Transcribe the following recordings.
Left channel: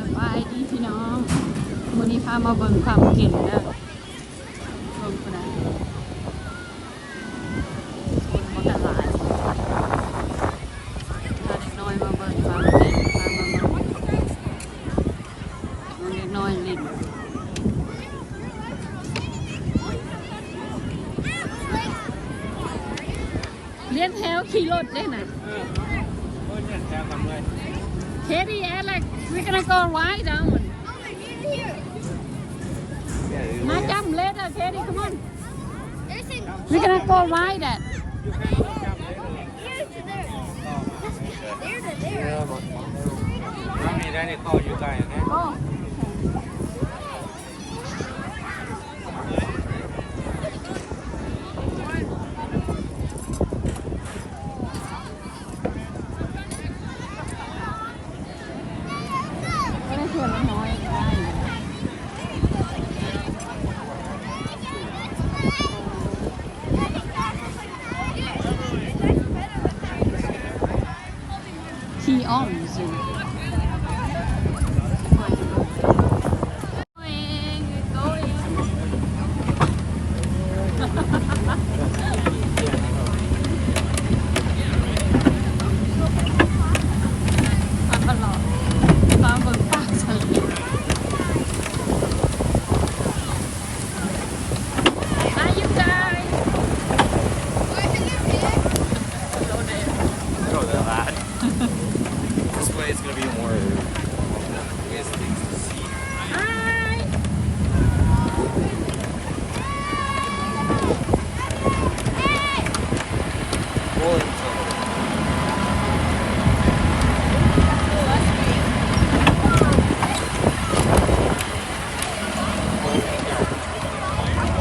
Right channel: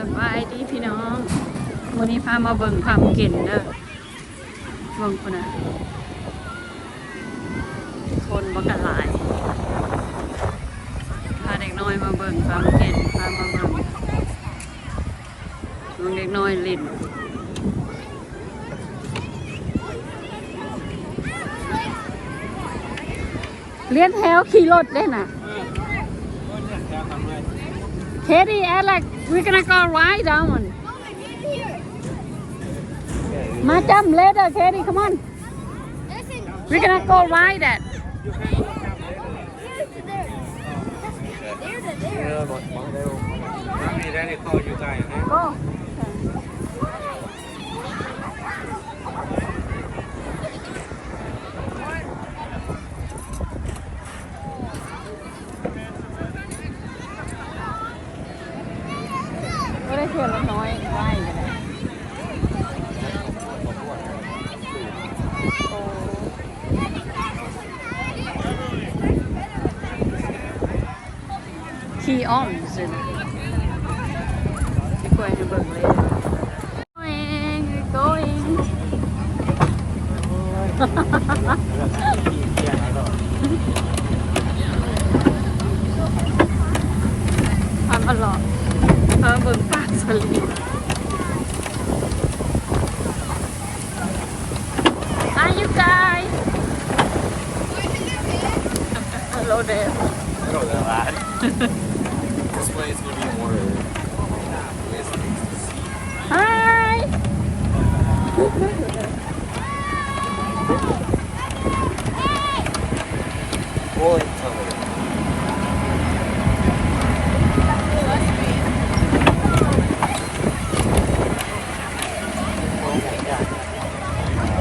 สบายดีพี่น้องวันนี้พามาเบิ่งความเก่งเด้อเบิ่งคนน่ะคนบ่กันหลายพาเด็กน้อยมาเบิ่งความเก่งพามาเบิ่งเด็กน้อยเล่นเลี้ยนแถวขี่รถได้น่ะKatie, Alex, we're gonna go ride down. My jump later, Katie, come on. We're gonna go ride it. Go. Key arms and going to going. ความอร่อยความเบิ่งปากสลิด Hi you guys. Hello there. Hello there, lad. This way is going to be more ways of things to see. Hi. Rolling tunnel.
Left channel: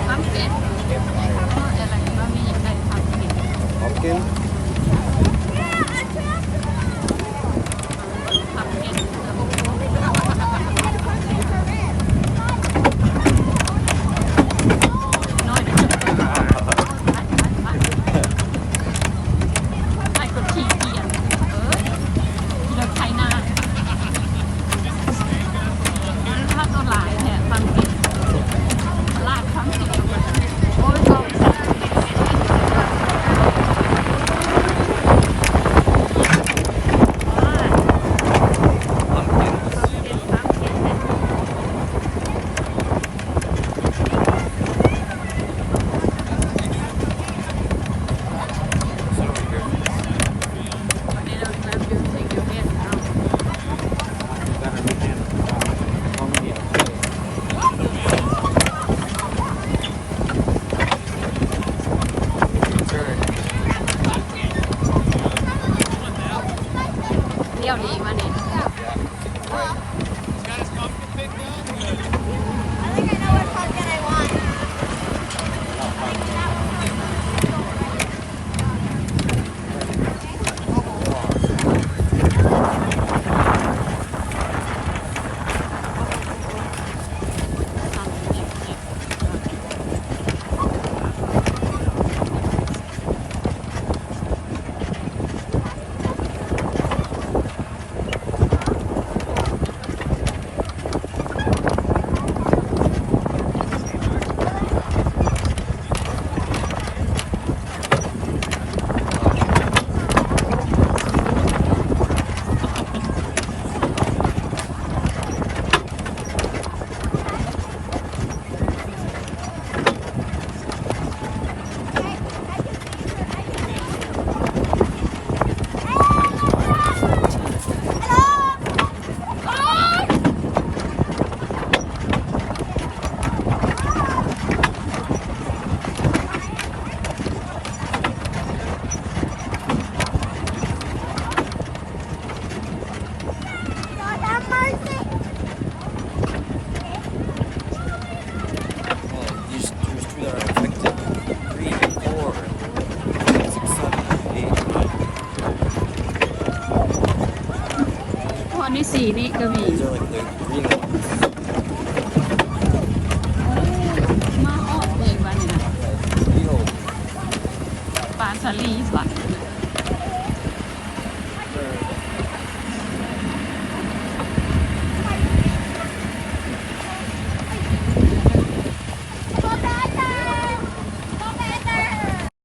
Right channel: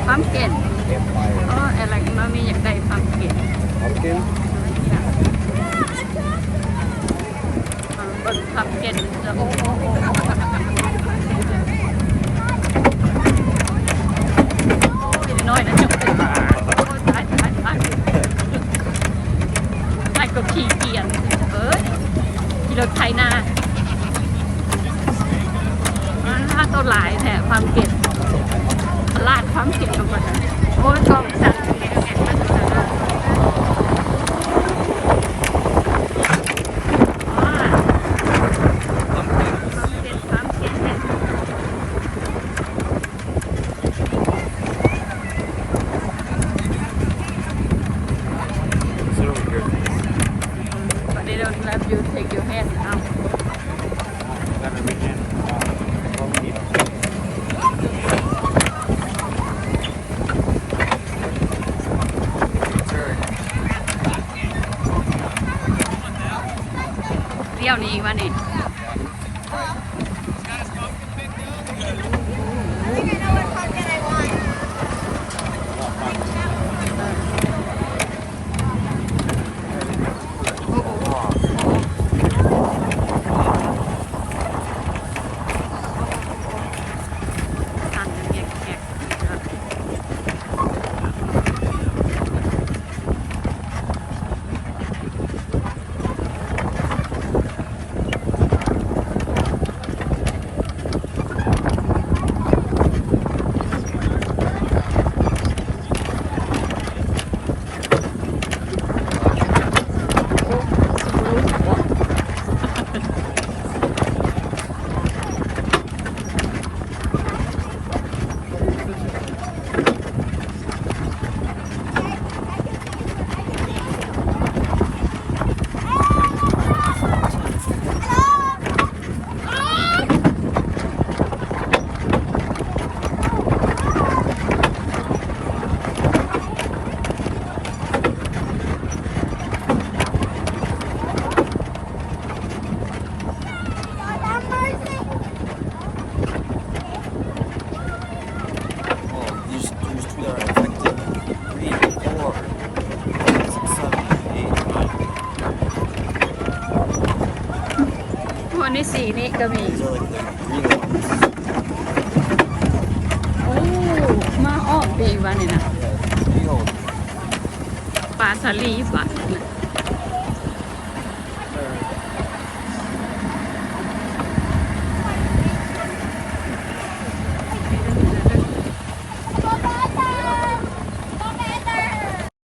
Pumpkin. Campfire. Oh, like mommy อยากได้ pumpkin. Pumpkin? Pumpkin.น้อยนะจุ๊บไปกับขี่เกียร์ขี่รถไถนาถ้าตัวหลายแถบความเก็บลาดความเก็บลงมาโอ้ยกองจับเที่ยวนี้มาดิวันนี้สีนี่ก็มีโอ้มาอ้อมเองวะเนี่ยนะปลาสลีฟะ